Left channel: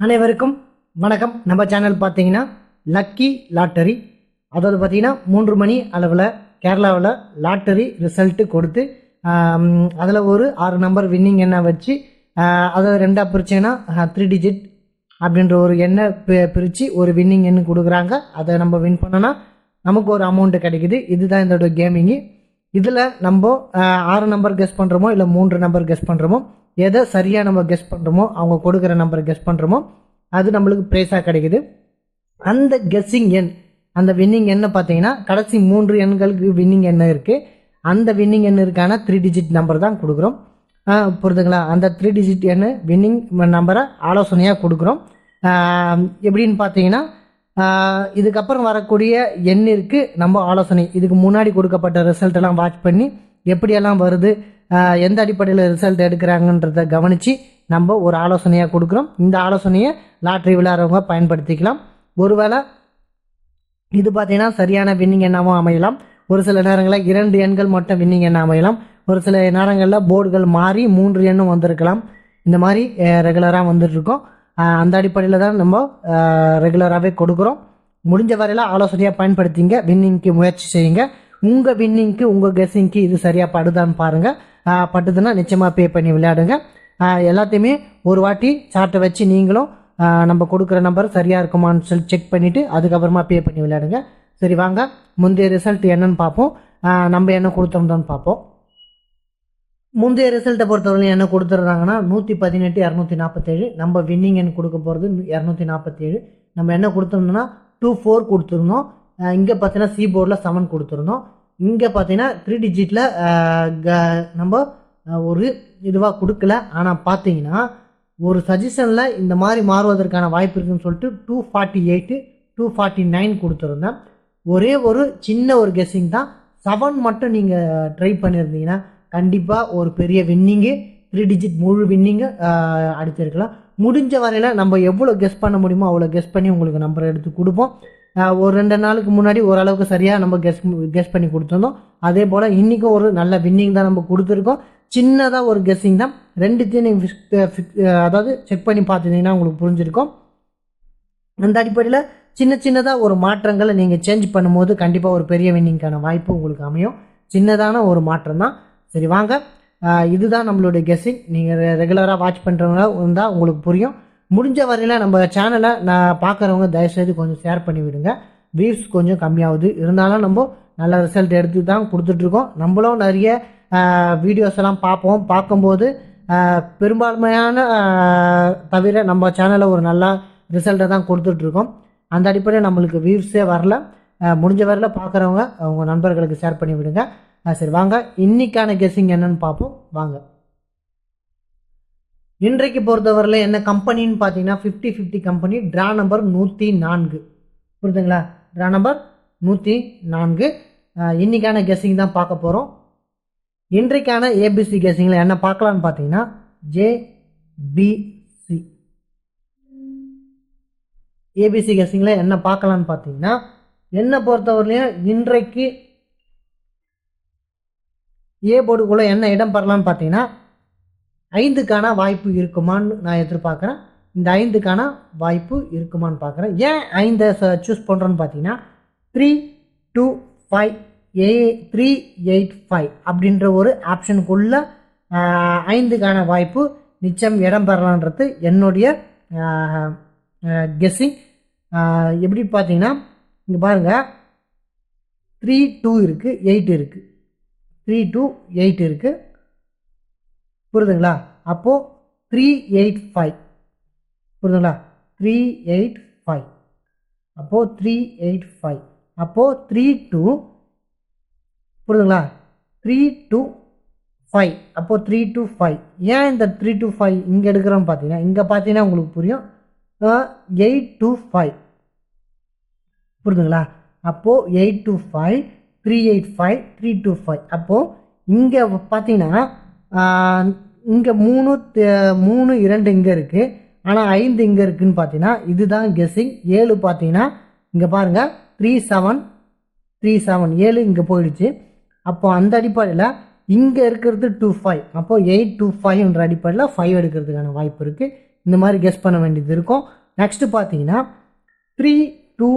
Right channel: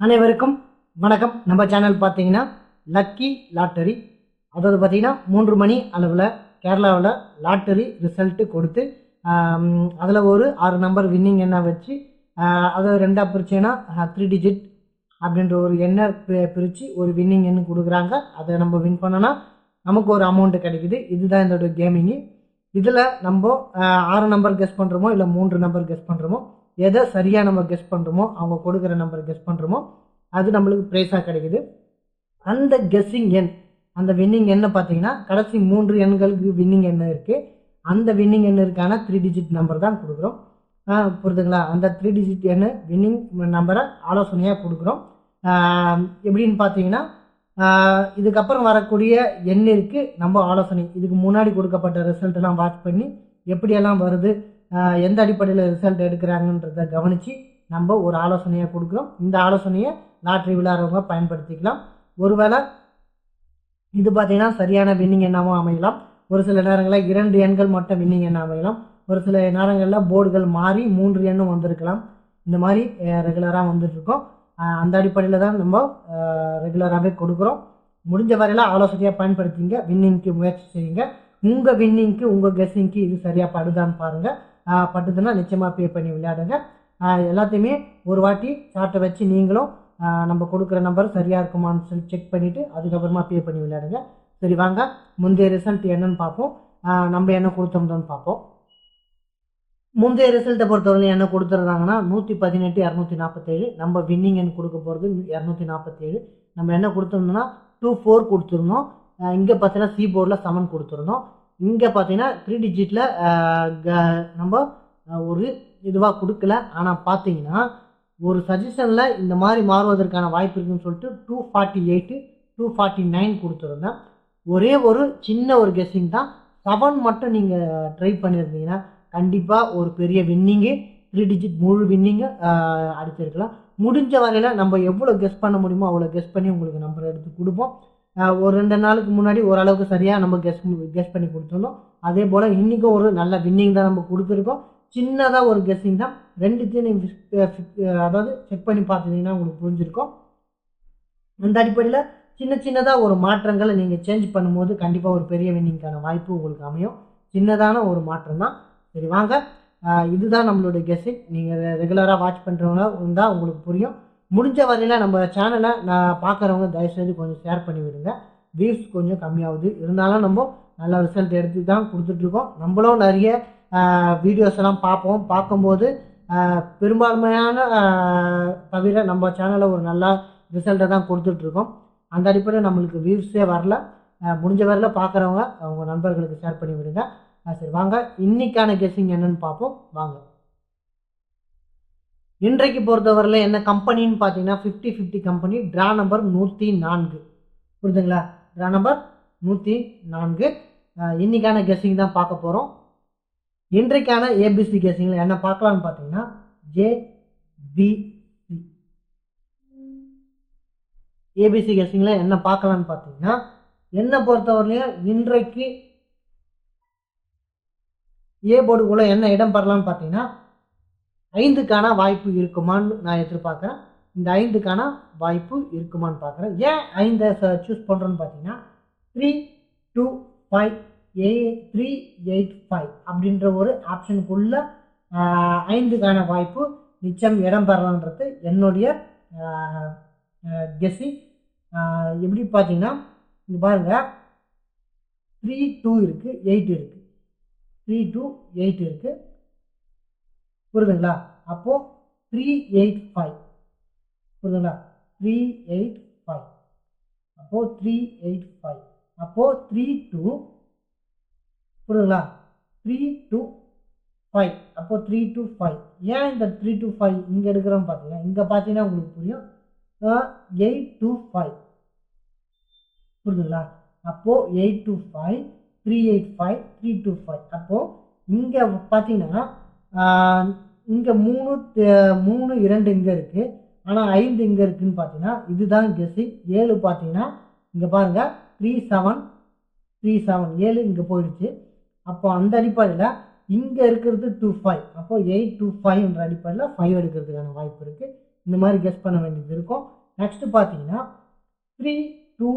அனைவருக்கும் வணக்கம். நம்ம சேனல் பார்த்தீங்கன்னா லக்கி லாட்டரி, அதாவது பார்த்தீங்கன்னா 3 மணி அளவில் கேரளாவில் லாட்டரி ரிசல்ட்டு கொடுத்து அதில் ஒரு 6 நம்பர் வின்னிங் எண்ணை வச்சு அதை ரெண்டாக பிரிச்சுன்னா 3 டிஜிட் அப்படின்ற ஒரு எண்ணை பிரித்து ஒரு வின்னிங் எண்ணு கொடுக்குறாங்க. அதை நம்ம வின் பண்ணனா நமக்கு ஒரு அமௌண்ட்டு கிடைக்குது. இதுதான் இதோட கேமிங்கு. இதில் நம்ம 6 நம்பர் கெஸ் பண்ணுறோமோ இல்லை 3 நம்பர் கெஸ் பண்ணுறோமோ, எதை சரியாக நம்ம கெஸ் பண்ணுறோமோ, அவங்க கொடுக்குற நம்பரை கெஸ் பண்ணுறோமோ அது நம்மளுக்கு ப்ரைஸாக கிடைக்குது. அந்த கெஸ்ஸிங் எண், அந்த வின்னிங் எண்ணை பார்த்தீங்கன்னா கடைசி 3 எண்களுக்கு வின்னிங் எண்ணை இருக்குது. அந்த வின்னிங் எண்ணிற்கான 3 டிஜிட் நம்பர் தான் கொடுக்குறோம். புரியுதுங்களா? அந்த 3 டிஜிட் எண்ணு வின்னிங் நம்பரை ஆலோசனையாக கொடுக்குறோம். எப்படின்னு பார்த்தீங்கன்னா இதுக்கப்புறம் வரக்கூடிய எண்ணிற்கு நம்ம ஆலோசனை, இதுக்கு முன்னாடி கொடுக்கப்பட்ட ரிசல்ட்டெல்லாம் வாட்ச் பண்ணி எப்படியெல்லாம் வருது, எந்த அடிப்படையில் ரிசல்ட் எடுக்கிறாங்கன்றதை கவனித்து நம்ம ஒரு ஆலோசனையாக கொடுக்குறோம். இந்த ஆலோசனையை லாட்ரி விளையாடுறவங்க பயன்படுத்திக்கலாம். ஒருவேளை இது பார்த்தீங்கன்னா சரியான வின்னிங் எண்ணாகவும் அமையலாம். ஒரு சில நேரங்களில் 2 எண்கள் மட்டும் வின்னிங் எண்ணாக அமையலாம். ஒரு சில நேரங்களில் போர்டுகள் மாறி 3 எண்ணும் வந்திருக்கலாம். இந்த மாதிரி ரெகுலராக வந்துட்டுருக்கோம். அந்த அடிப்படையில் தான் நம்ம ரெகுலராகவே கொடுக்குறோம். முடிஞ்ச வரையில் ஆலோசனையாக பயன்படுத்திங்க, வின்னிங்க்கு முயற்சி செய்யுங்க. உங்கள் வின்னிங்க்கு உங்கள் கெஸ்ஸிங்க்கு இது சரியாக படுதான்னு பாருங்கள். பட்டுதுன்னா நிச்சயமாக பே பண்ணி விளையாடுங்க. எல்லாத்தையுமே ஒரு வாட்டி சார்ட்டை வச்சு நீங்களும் நம்ம கொடுக்குற நம்பர் சரியாக இருக்குமான்னு சொல்லி செக் பண்ணிவிட்டு அதுக்கப்புறமா பே பண்ணி விளையாடுங்க. சரி, வாங்க முந்தைய ரிசல்ட் என்னன்னு பார்ப்போம். நம்ம என்ன கொடுத்தோம்னு பார்ப்போம். முந்தைய ரிசல்ட்டை பொறுத்தவரைக்கும் என்ன கொடுத்துட்றாங்கன்னா 118 247. நம்ம வின்னிங் எண் கொடுக்க போகிறது 247. நம்ம என்ன கொடுத்தோம்னா 24 கொடுத்துருந்தோம். இங்கே பார்த்தீங்கன்னா சி போர்டில் 7 கொடுத்துருந்தோம். இங்கே பார்த்தீங்கன்னா 3 டிஜிட்டில் நம்ம ஒரு இதுவாக கொடுக்கல. ஆனால் பார்த்தீங்கன்னா ஒரு சஜஷனில் இந்த மாதிரி மாறுவதற்கான வாய்ப்பு இருக்குன்னு சொல்லிட்டு 248 249 கொடுத்துருந்தேன். ஒரே ஒரு சின்ன ஒரு கெஸ்ஸிங் தான். 7 மட்டும் நீங்கள் ட்ரை பண்ணியிருந்தீங்கன்னா கண்டிப்பாக ஒரு பெரிய வின்னிங்கு, 3 டிஜிட் முழு வின்னிங்கு அடிச்சிருக்கலாம். முடிஞ்ச வரையில் நம்ம எவ்வளோ கெஸ் பண்ண முடியுமோ அவ்வளோ கெஸ் பண்ணி உங்களுக்கு நம்பர் எடுத்து கொடுப்போம். ஒரு 2 நாளுக்கு முன்னாடி ஓரளவுக்கு சரியாக நம்ம கெஸ் பண்ணி கொடுத்துருந்தோம். அதே போல் இன்றைக்கும் ஒரு நல்ல வின்னிங் தான் நம்ம கொடுத்துருக்கோம். சின்னதாக ஒரு கெஸ்ஸிங் தான். ரெண்டுத்தையும் நீங்கள் அதாவது செக் பண்ணி பார்த்துருந்தீங்கன்னா உங்களுக்கு புரிஞ்சிருக்கும். அந்த அடிப்படையில் சின்னதாக ஒரு மாற்றங்களை நீங்கள் சேஞ்ச் பண்ணும்போது கண்டிப்பாக ஒரு பெரிய வின்னிங்கான வாய்ப்பு உங்களுக்கு அமையும். சின்னதான ஒரு மாற்றம் தான். சரி, வாங்க, இதுதான் நம்மளுடைய கெஸ்ஸிங். நீங்கள் ரெகுலராக வாட்ச் பண்ணுறவங்களா இருந்தால் உங்களுக்கு புரியும். முடிஞ்ச வரையில் நம்ம சேனலை நான் பார்க்குறவங்க தயவுசெய்து கொஞ்சம் ஷேர் பண்ணி விடுங்க. வியூஸ் கொஞ்சம் கம்மியாகுது, இருந்தாலும் நம்ம நல்ல ரிசல்ட் எடுத்து தான் கொடுத்துட்ருக்கோம். நம்மளும் நிறைய வீடியோஸ் எல்லாம் பார்க்கும்போது பெரும்பான்மையான தவிர நம்ம சேனலில் ஒரு நல்ல ரிசல்ட்டை தான் கொடுத்துட்ருக்கோம். அந்த அடிப்படையில் நம்மளுக்கு வியூஸே வரல. முடிஞ்ச வரையில் பார்க்குறவங்க அவங்க நண்பர்களுக்கு ஷேர் பண்ணி விடுங்க. சரி, வாங்க இன்றைக்கான கெஸ்ஸிங் என்னன்னு பார்ப்போம். வாங்க, இன்றைக்கு பொறுத்தவரையில் என்ன கம்பெனின்னு பார்த்தீங்கன்னா 50-50 கம்பெனி. Draw number 104. புரியுதுங்களா? Draw number 104. இன்றைக்கான கெஸ்ஸிங் தான் பார்க்க போகிறோம். இன்றைக்கான ஏபிசி கெஸ்ஸிங்கில் என்ன பார்க்கலான்னு பார்த்தீங்கன்னா ஜேபிசி. ஏபிசி கெஸ்ஸிங்கில் என்ன பார்க்கலான்னு பார்த்தீங்கன்னா என்னை பொறுத்தவரையிலையும் இன்றைக்கு ஏ போர்டுக்குள்ளே என்ன இடம் பெறலான்னு பார்த்தீங்கன்னா 5க்கான வாய்ப்பு இருக்குமான்னு நான் எதிர்பார்க்குறேன். இந்த 5க்கான வாய்ப்பு இருக்குமான்னு பார்க்குறேன். ஏன் 5 சூஸ் பண்ணுறோன்னு பார்த்தீங்கன்னா 325 அப்படின்ற ஒரு ஆப்ஷனுக்குள்ளே 5க்கான வாய்ப்பு நிச்சயம் இடம் பெறலான்றது என்னுடைய கெஸ்ஸிங். எப்படி பார்த்தீங்கன்னா இங்கே பாருங்கள், 3, 2 இருக்குது, 8 இருக்குது, 3, 2, 8 இருக்குது. புரியுதுங்களா? அப்போது 385. புரியுதுங்களா? 385. அப்போது 385. அப்போது 32. புரியுதுங்களா? 325. அப்போது 325. ஏன் இந்த 325 இங்கே எடுக்கிறோன்னு பார்த்தீங்கன்னா இங்கே பார்த்தீங்கன்னா உங்களுக்கு புரியும். 825. புரியுதுங்களா? அப்போது 825 385 325. அப்போது இங்கே பார்த்தீங்கன்னா இங்கே 3 2 இங்கே இருக்குது, ஆனால் 5 இங்கே இருக்குதுன்னு பார்த்தீங்கன்னா இதுதான் கெஸ்ஸிங். 7 பார்த்தீங்கன்னா இங்கே பாருங்கள் 37 7 இங்கே போயிடுச்சு. அப்போது அந்த அடிப்படையில் இங்கே இருக்கிறது 25. அப்போது 825 அடிப்படையில் 5 எடுக்கிறதுக்கான வாய்ப்பு இருக்குது. இந்த மாதிரி கெஸ் பண்ண வேண்டியது இருக்கும். நெக்ஸ்ட்டு பார்த்தீங்கன்னா 3-2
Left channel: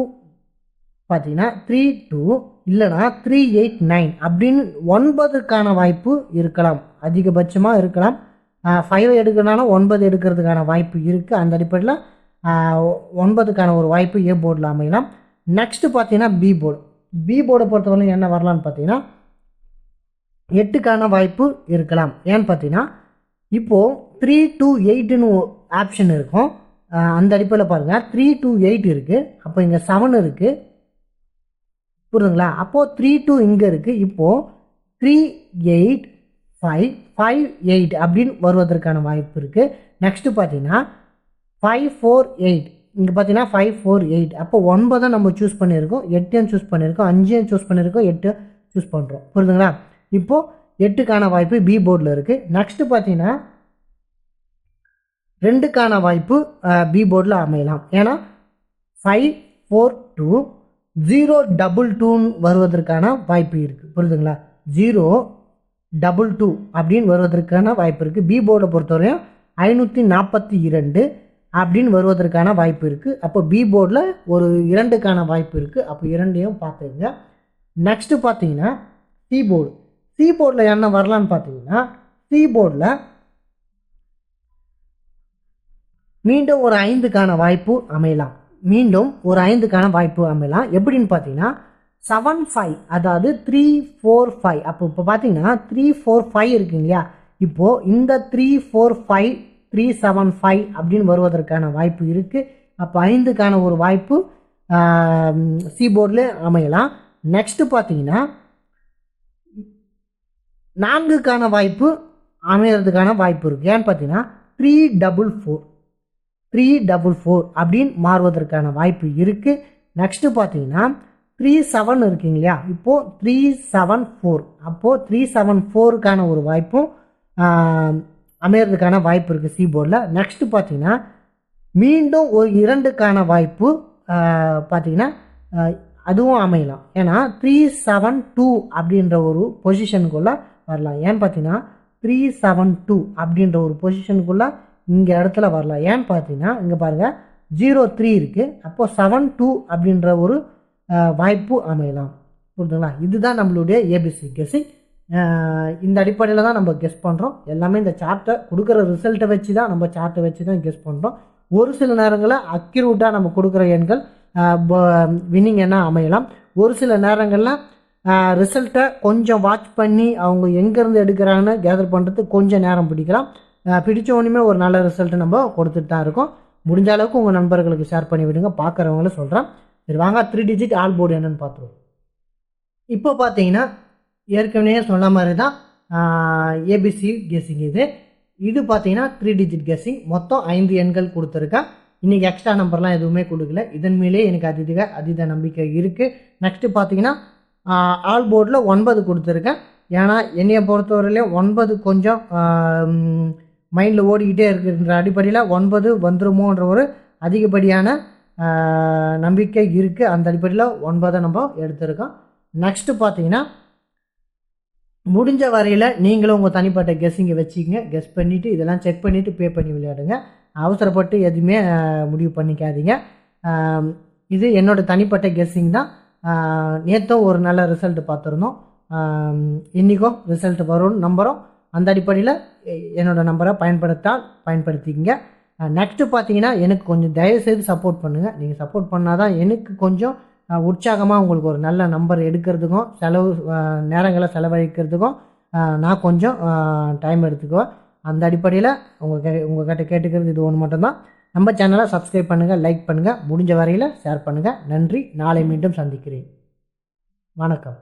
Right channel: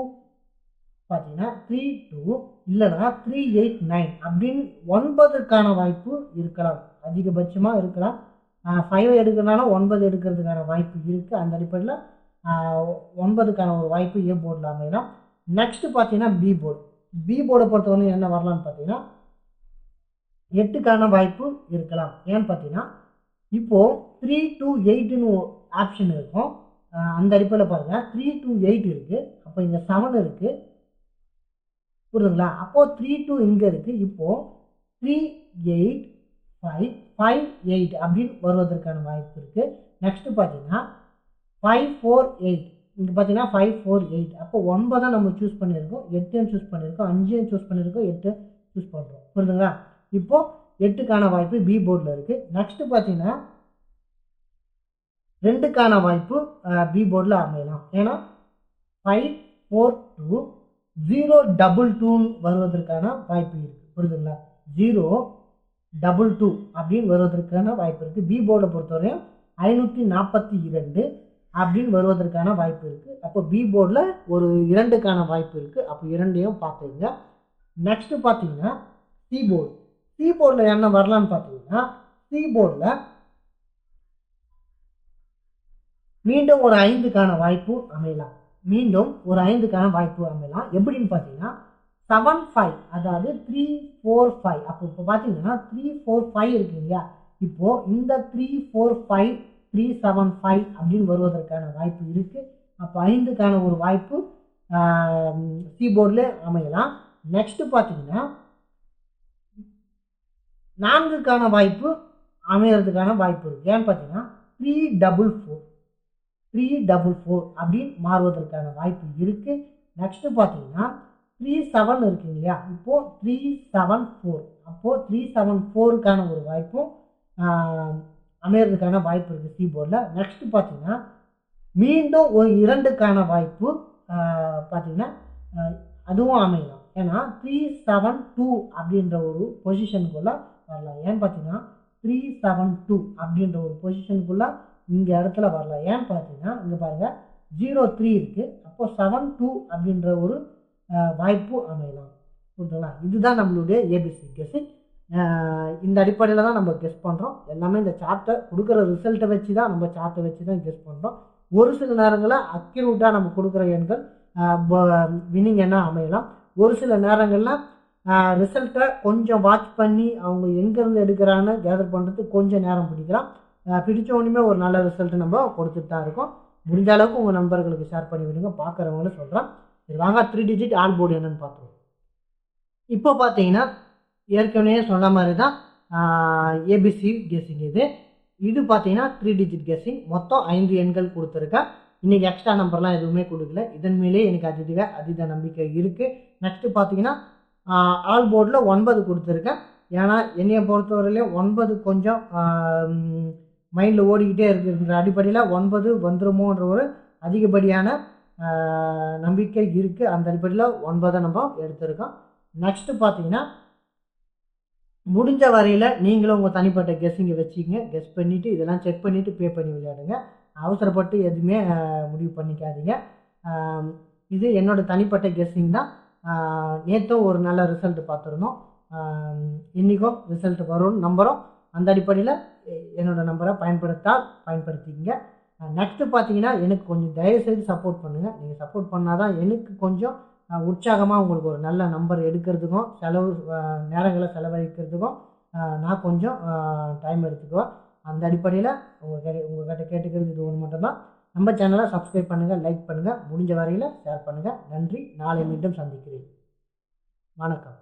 பார்த்தீங்கன்னா 3-2 இல்லைனா 3-8-9 அப்படின்னு 9க்கான வாய்ப்பு இருக்கலாம், அதிகபட்சமாக இருக்கலாம். 5 எடுக்கிறனால 9 எடுக்கிறதுக்கான வாய்ப்பு இருக்குது. அந்த அடிப்படையில் 9க்கான ஒரு வாய்ப்பு ஏ போர்டில் அமையலாம். நெக்ஸ்ட்டு பார்த்தீங்கன்னா பி போர்டு. பி போர்டை பொறுத்தவரைக்கும் என்ன வரலான்னு பார்த்தீங்கன்னா 8க்கான வாய்ப்பு இருக்கலாம். ஏன்னு பார்த்தீங்கன்னா இப்போது 3-2-8ன்னு ஆப்ஷன் இருக்கும். அந்த அடிப்படையில் பாருங்கள் 3-2-8 இருக்குது. அப்போ இங்கே 7 இருக்குது, புரியுதுங்களா? அப்போது 3-2 இங்கே இருக்குது. இப்போது 3-8-5-5-8 அப்படின்னு வருவதற்கான வாய்ப்பு இருக்குது. நெக்ஸ்ட்டு பார்த்தீங்கன்னா 5-4-8, இங்கே பார்த்தீங்கன்னா 5-4-8. அப்போ 9 நம்ம சூஸ் பண்ணியிருக்கோம், 8 சூஸ் பண்ணியிருக்கோம், 5 சூஸ் பண்ணியிருக்கோம், 8 சூஸ் பண்ணுறோம், புரியுதுங்களா? இப்போது 8க்கான வாய்ப்பு பி போர்டில் இருக்குது. நெக்ஸ்ட்டு பார்த்தீங்கன்னா 2க்கான வாய்ப்பு பி போர்டில் அமையலாம். ஏன்னா 5-4-2 0-2-2 வருவதற்கான வாய்ப்பு இருக்குது, புரியுதுங்களா? 0-2-2 அப்படின்னு வருவதற்கான வாய்ப்பு இருக்குது. பி போர்டை பொறுத்தவரையும் 542 அப்படின்னு வருவதற்கான வாய்ப்பு இருக்குது. அப்போ பி போர்டில் ஒரு 2க்கான வாய்ப்பு இருக்குது. அப்போ 2ஐயும் பார்த்துங்க. நெக்ஸ்ட்டு பார்த்தீங்கன்னா சி போர்டு. சி போர்டில் என்ன வரலான்னு பார்த்தீங்கன்னா சி போர்டில் மீண்டும் ஒரு 5க்கான வாய்ப்பு அமையலாம். எப்படின்னு பார்த்தீங்கன்னா 7-5, அதாவது 3-4-5. அப்போ இப்போ பார்த்தீங்கன்னா 3-4-5 இருக்குங்க இல்லையா? இப்போது இந்த 3-4-5 3-7-5 அப்படின்னு வருவதற்கான வாய்ப்பு இருக்குது. அப்போ 5க்கான ஒரு வாய்ப்பு சி போர்டில் அமையலாம். நெக்ஸ்ட்டு பார்த்தீங்கன்னா 4க்கான வாய்ப்பு அமையறதுக்கான வாய்ப்பு இருக்குது. ஏன்னு பார்த்தீங்கன்னா 3-4-4 அப்படின்னு மாறுவதற்கான வாய்ப்பு இருக்குது. நெக்ஸ்ட்டு பார்த்தீங்கன்னா 3-7 இருக்குங்க இல்லையா? இப்போது 3-7-4, அப்போது 3-7-4க்கான ஒரு வாய்ப்பும் அமையறதுக்கான வாய்ப்பு இருக்குது சி போர்டில். நெக்ஸ்ட்டு பார்த்தீங்கன்னா மீண்டும் ஒரு 2க்கான வாய்ப்பு பார்த்தீங்கன்னா அதுவும் அமையலாம். ஏன்னா 3-7-2 அப்படின்ற ஒரு பொசிஷனுக்குள்ளே வரலாம். ஏன்னு பார்த்தீங்கன்னா 3-7-2 அப்படின்ற ஒரு பொசிஷனுக்குள்ளே இங்கே இடத்துல வரலாம். ஏன்னு பார்த்தீங்கன்னா இங்கே பாருங்கள் 0-3 இருக்குது. அப்போது 7-2 அப்படின்ற ஒரு வாய்ப்பு அமையலாம், புரியுதுங்களா? இதுதான் நம்மளுடைய ஏபிசி கெஸ்ஸிங். இந்த அடிப்படையில் தான் நம்ம கெஸ் பண்ணுறோம். எல்லாமே இந்த சார்ட்டை கொடுக்குற ரிசல்ட்டை வச்சு தான் நம்ம சார்ட்டை வச்சு தான் கெஸ் பண்ணுறோம். ஒரு சில நேரங்களில் அக்யூரேட்டாக நம்ம கொடுக்குற எண்கள் வின்னிங் எண்ணாக அமையலாம். ஒரு சில நேரங்களில் ரிசல்ட்டை கொஞ்சம் வாட்ச் பண்ணி அவங்க எங்கேருந்து எடுக்கிறாங்கன்னு கேதர் பண்ணுறதுக்கு கொஞ்சம் நேரம் பிடிக்கலாம். பிடிச்ச ஒன்றுமே ஒரு நல்ல ரிசல்ட்டை நம்ம கொடுத்துட்டு தான் இருக்கோம். முடிஞ்ச அளவுக்கு உங்கள் நண்பர்களுக்கு ஷேர் பண்ணி விடுங்க, பார்க்குறவங்களும் சொல்கிறேன். சரி வாங்க 3 டிஜிட் ஆல் போர்டு என்னென்னு பார்த்துருவோம். இப்போ பார்த்தீங்கன்னா ஏற்கனவே சொன்ன மாதிரி தான் ஏபிசி கெஸ்ஸிங். இது பார்த்தீங்கன்னா 3 டிஜிட் கெஸ்ஸிங். மொத்தம் 5 எண்கள் கொடுத்துருக்கேன். இன்றைக்கி எக்ஸ்ட்ரா நம்பர்லாம் எதுவுமே கொடுக்கல. இதன் மேலே எனக்கு அதீத நம்பிக்கை இருக்குது. நெக்ஸ்ட்டு பார்த்தீங்கன்னா ஆல் போர்டில் 9 கொடுத்துருக்கேன். ஏன்னா என்னையை பொறுத்தவரையிலையும் 9 கொஞ்சம் மைண்டில் ஓடிக்கிட்டே இருக்குன்ற அடிப்படையில் 9 வந்துருமோன்ற ஒரு அதிகப்படியான நம்பிக்கை இருக்குது. அந்த அடிப்படையில் 9 நம்ம எடுத்திருக்கோம். நெக்ஸ்ட்டு பார்த்தீங்கன்னா முடிஞ்ச வரையில் நீங்களும் உங்கள் தனிப்பட்ட கெஸ்ஸிங்கை வச்சுக்கிங்க. கெஸ் பண்ணிவிட்டு இதெல்லாம் செக் பண்ணிவிட்டு பே பண்ணி விளையாடுங்க. அவசரப்பட்டு எதுவுமே முடிவு பண்ணிக்காதீங்க. இது என்னோடய தனிப்பட்ட கெஸ்ஸிங் தான். நேற்றும் ஒரு நல்ல ரிசல்ட் பார்த்துருந்தோம். இன்றைக்கும் ரிசல்ட் வரும்னு நம்புகிறோம். அந்த அடிப்படையில் என்னோடய நம்பரை பயன்படுத்திக்கங்க. நெக்ஸ்ட்டு பார்த்தீங்கன்னா எனக்கு கொஞ்சம் தயவுசெய்து சப்போர்ட் பண்ணுங்கள். நீங்கள் சப்போர்ட் பண்ணால் தான் எனக்கு கொஞ்சம் உற்சாகமாக உங்களுக்கு ஒரு நல்ல நம்பர் எடுக்கிறதுக்கும் நேரங்களை செலவழிக்கிறதுக்கும் நான் கொஞ்சம் டைம் எடுத்துக்குவேன். அந்த அடிப்படையில் உங்கள்கிட்ட கேட்டுக்கிறது இது ஒன்று மட்டும்தான். நம்ம சேனலை சப்ஸ்கிரைப் பண்ணுங்கள், லைக் பண்ணுங்கள், முடிஞ்ச வரையில் ஷேர் பண்ணுங்கள். நன்றி. நாளை மீண்டும் சந்திக்கிறேன். வணக்கம்.